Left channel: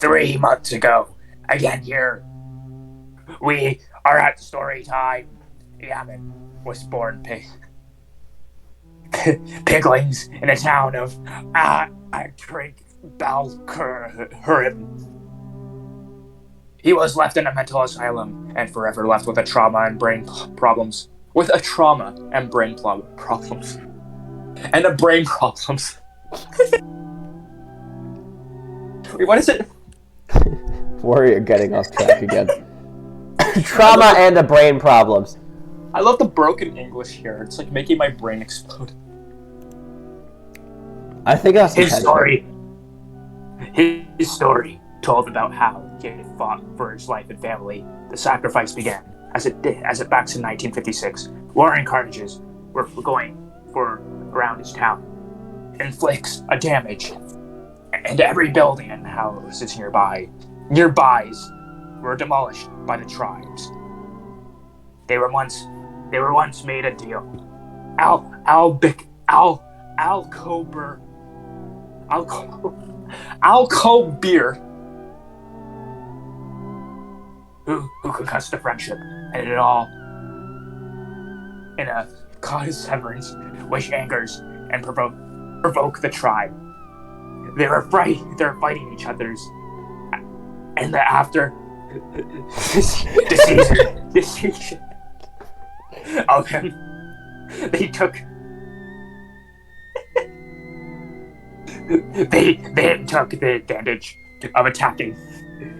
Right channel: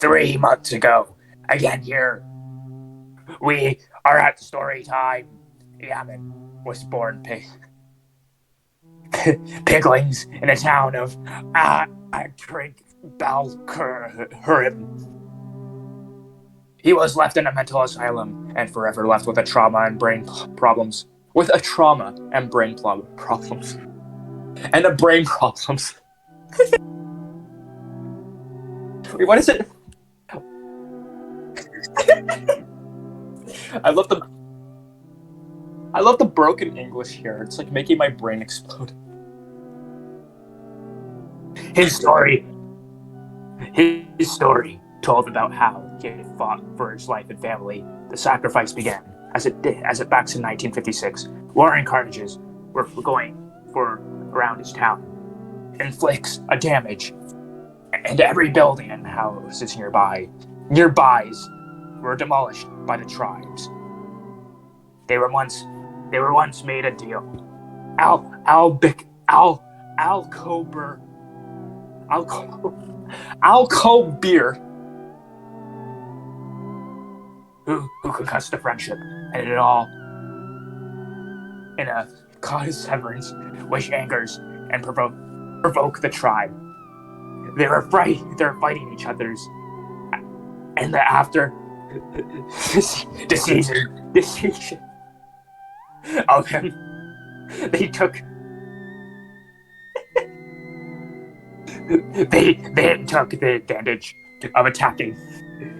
3 months ago. Again here. We are at story time. Yaman was born piglings in the town of Aatrig BalKrahim. He was left in a mental asylum and forever left with a trauma and brain problems. With a trauma and brain problems. And a brain problems. Wait, what is it? Warrior getting off track again. Trauma and the brain problems. I love the broken English here. It's like making my brain explode. I think that's His story told about how he fought for his life and family. The sacrifice began as it back in 1956. War and carnages were going for around his town. Inflicts a damage, and every building and houses nearbys were demolished by the tribes. They were once made a deal. Alkobir, who concussed the friendship, and it all in a cause severance, which angers and provoke the tribe. They're fighting each other's, and after deceasion of him, they took the advantage of attacking.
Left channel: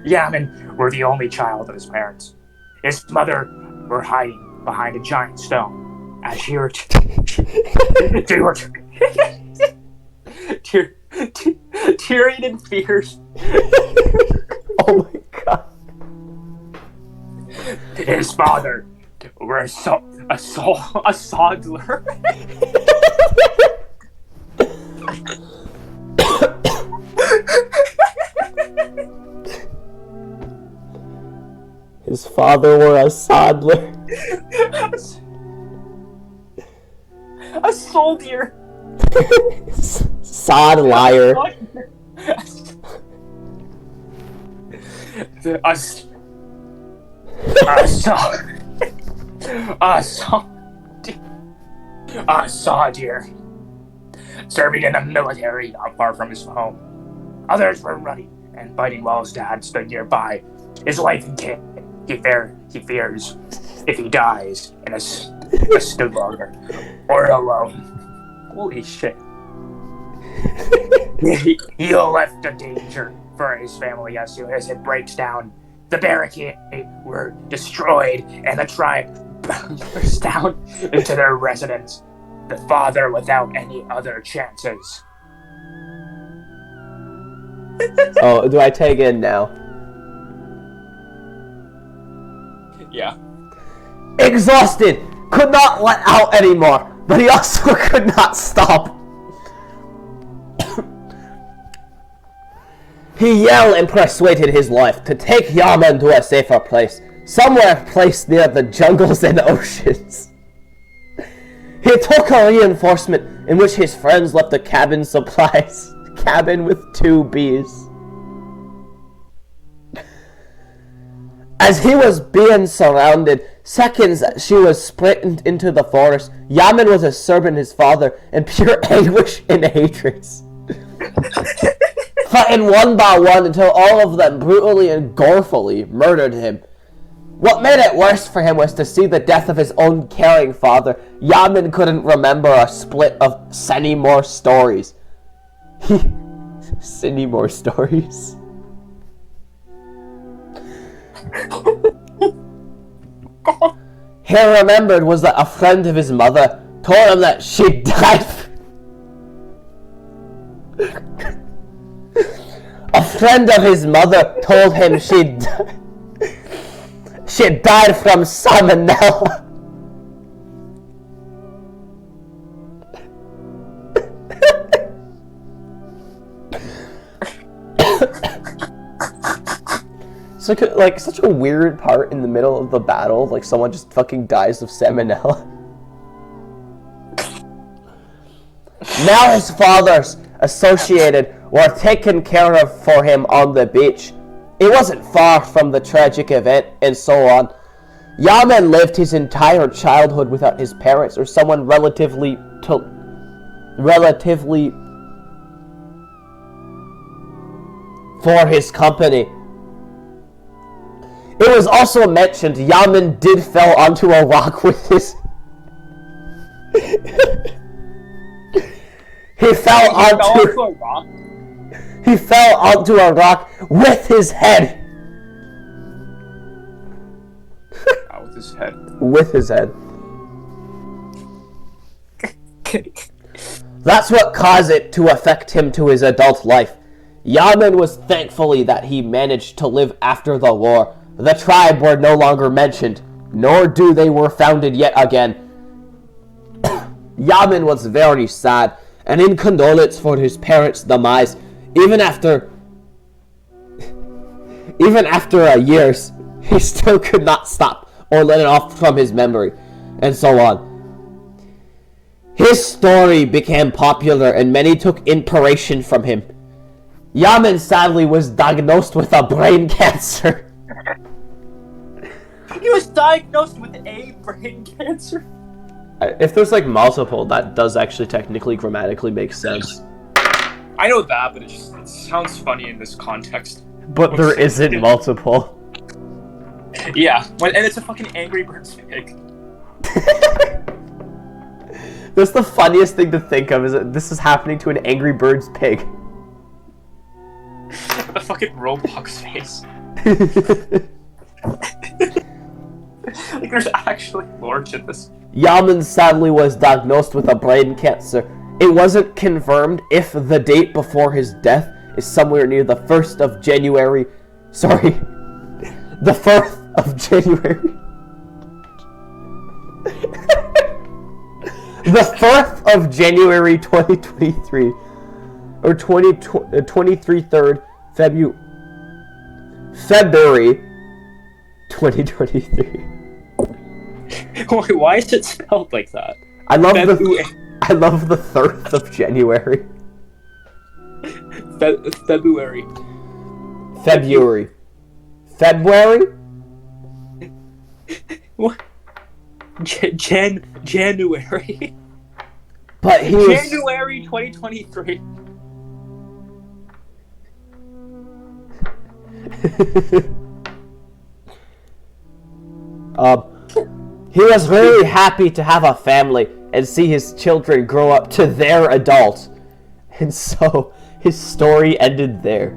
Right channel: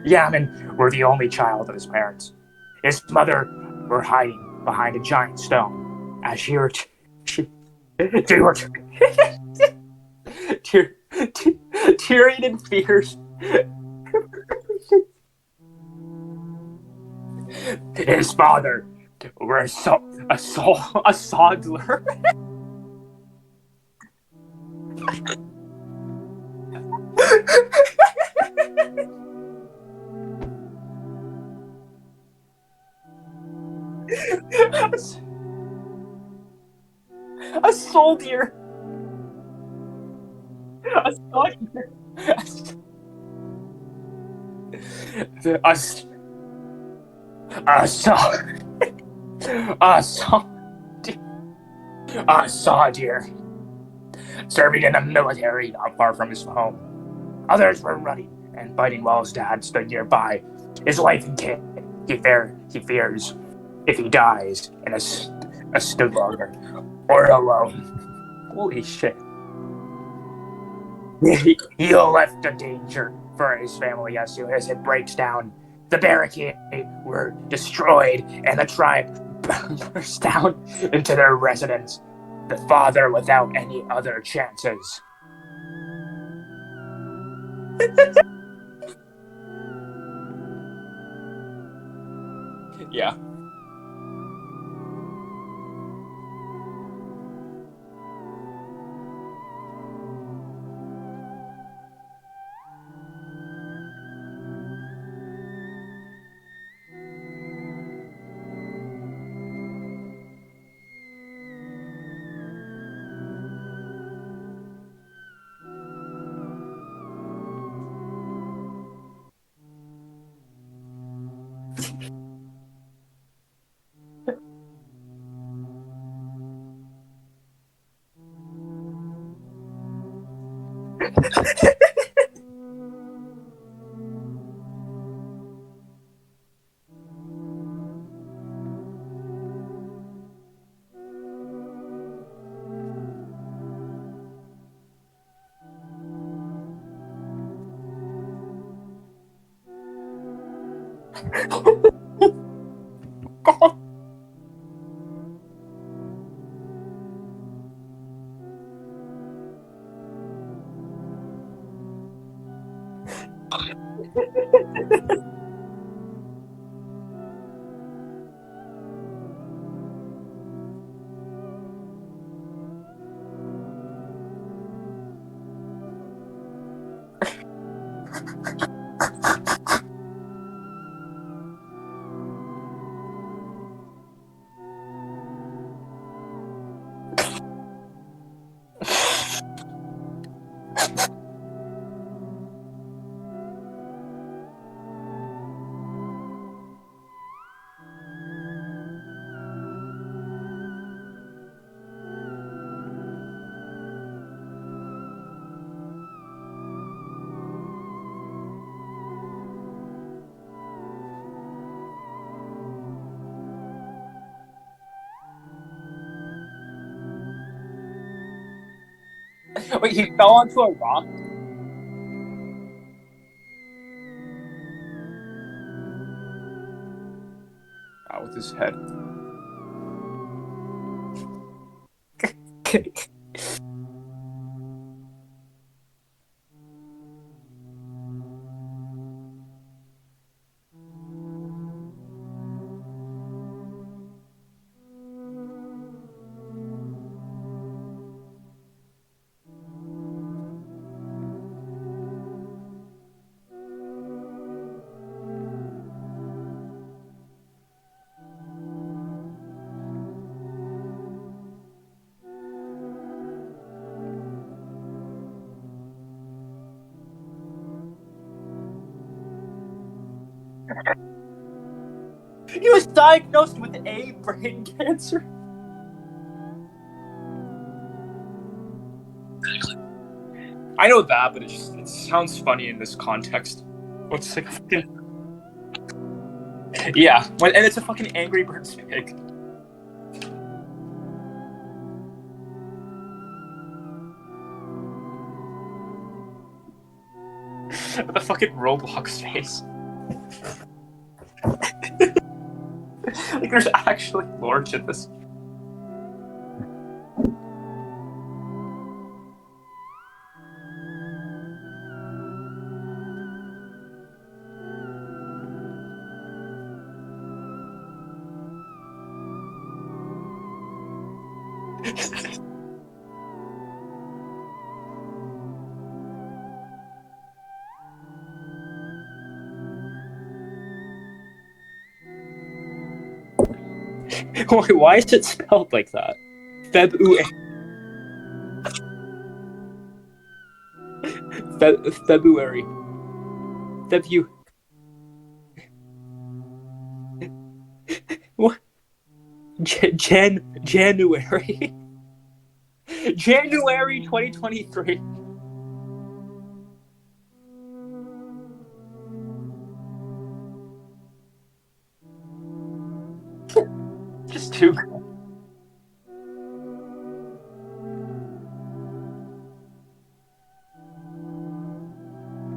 Yaman were the only child of his parents. His mother were hiding behind a giant stone as she were tearing in fears. Oh my god. His father were a sodlier. His father were a sodlier. A soldier. Sodlier. A soldier. Serving in the military not far from his home. Others were running and fighting while his dad stood nearby. His wife and kid, he fears if he dies in a stood longer or alone. Holy shit. He'll left a danger for his family as soon as it breaks down. The barricade were destroyed and the tribe burst down into their residence. The father without any other chances. Oh, do I take in now? Yeah. Exhausted, could not let out anymore, but he also could not stop. He yelled and persuaded his wife to take Yaman to a safer place, somewhere placed near the jungles and oceans. He took a reinforcement in which his friends left a cabin with 2 bees. As he was being surrounded, seconds she was sprinting into the forest, Yaman was serving his father in pure anguish and hatred. Fighting one by one until all of them brutally and gorefully murdered him. What made it worse for him was to see the death of his own caring father. Yaman couldn't remember a split of any more stories. Any more stories? He remembered was that a friend of his mother told him that she died. A friend of his mother told him she died from salmonella. Such a weird part in the middle of the battle, like someone just fucking dies of salmonella. Now his father's associated were taken care of for him on the beach. It wasn't far from the tragic event, and so on. Yaman lived his entire childhood without his parents or someone relatively for his company. It was also mentioned Yaman did fell onto a rock with his... He fell onto a rock? He fell onto a rock with his head. With his head. With his head. That's what caused it to affect him to his adult life. Yaman was thankfully that he managed to live after the war. The tribe were no longer mentioned, nor do they were founded yet again. Yaman was very sad, and in condolence for his parents' demise, even after years, he still could not stop or let it off from his memory, and so on. His story became popular, and many took inspiration from him. Yaman sadly was diagnosed with a brain cancer. He was diagnosed with a brain cancer? If there's like multiple, that does actually technically grammatically make sense. I know that, but it sounds funny in this context. But there isn't multiple. Yeah, and it's a fucking Angry Birds pig. That's the funniest thing to think of, is that this is happening to an Angry Birds pig. The fucking Roblox face. Like, there's actually lore to this. Yaman sadly was diagnosed with a brain cancer. It wasn't confirmed if the date before his death is somewhere near the 1st of January. Sorry. The 4th of January. The 4th of January 2023. Or 23rd February 2023. Wait, why is it spelled like that? I love the 3rd of January. February. February? What? January. But he January 2023. He was very happy to have a family and see his children grow up to their adults. And so his story ended there.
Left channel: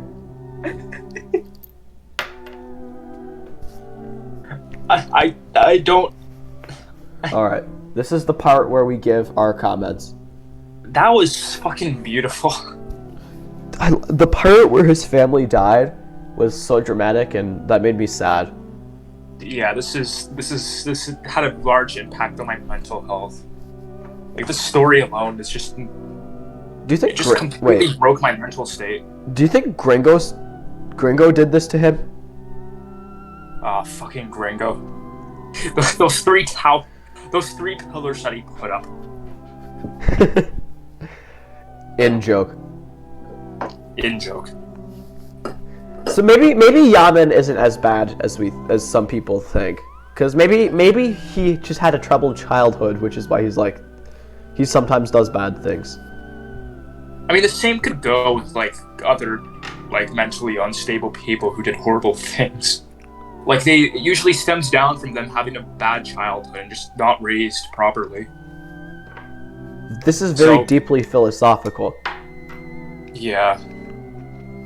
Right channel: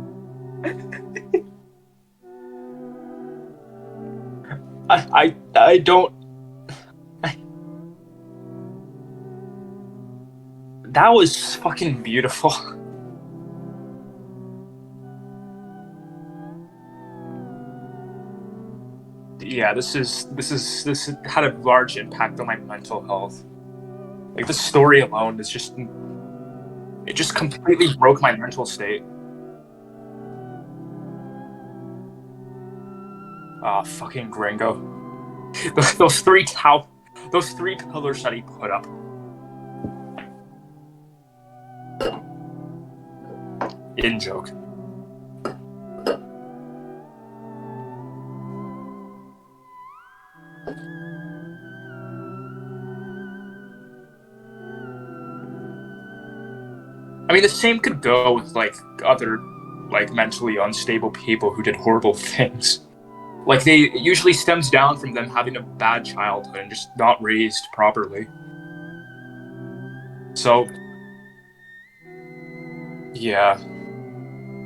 I don't... Alright, this is the part where we give our comments. That was fucking beautiful. The part where his family died was so dramatic, and that made me sad. Yeah, this had a large impact on my mental health. Like, the story alone is just... Do you think it just completely broke my mental state. Do you think Gringo did this to him? Fucking Gringo. Those three pillars that he put up. In joke. So maybe Yaman isn't as bad as some people think, because maybe he just had a troubled childhood, which is why he sometimes does bad things. I mean, the same could go with other mentally unstable people who did horrible things. Like, it usually stems down from them having a bad childhood and just not raised properly. This is very deeply philosophical. Yeah.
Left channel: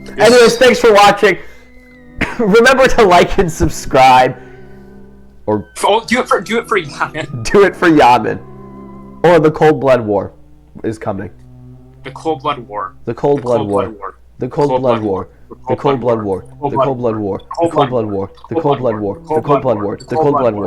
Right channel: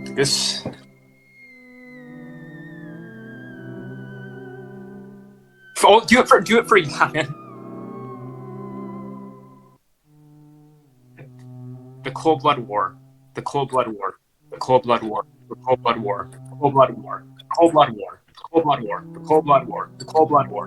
Anyways, thanks for watching. Remember to like and subscribe. Or do it for Yaman. Do it for Yaman. Or the Cold Blood War is coming. The Cold Blood War. The Cold Blood War. The Cold Blood War. The Cold Blood War. The Cold Blood War. The Cold Blood War. The Cold Blood War. The Cold Blood War. The Cold Blood War. The Cold Blood War.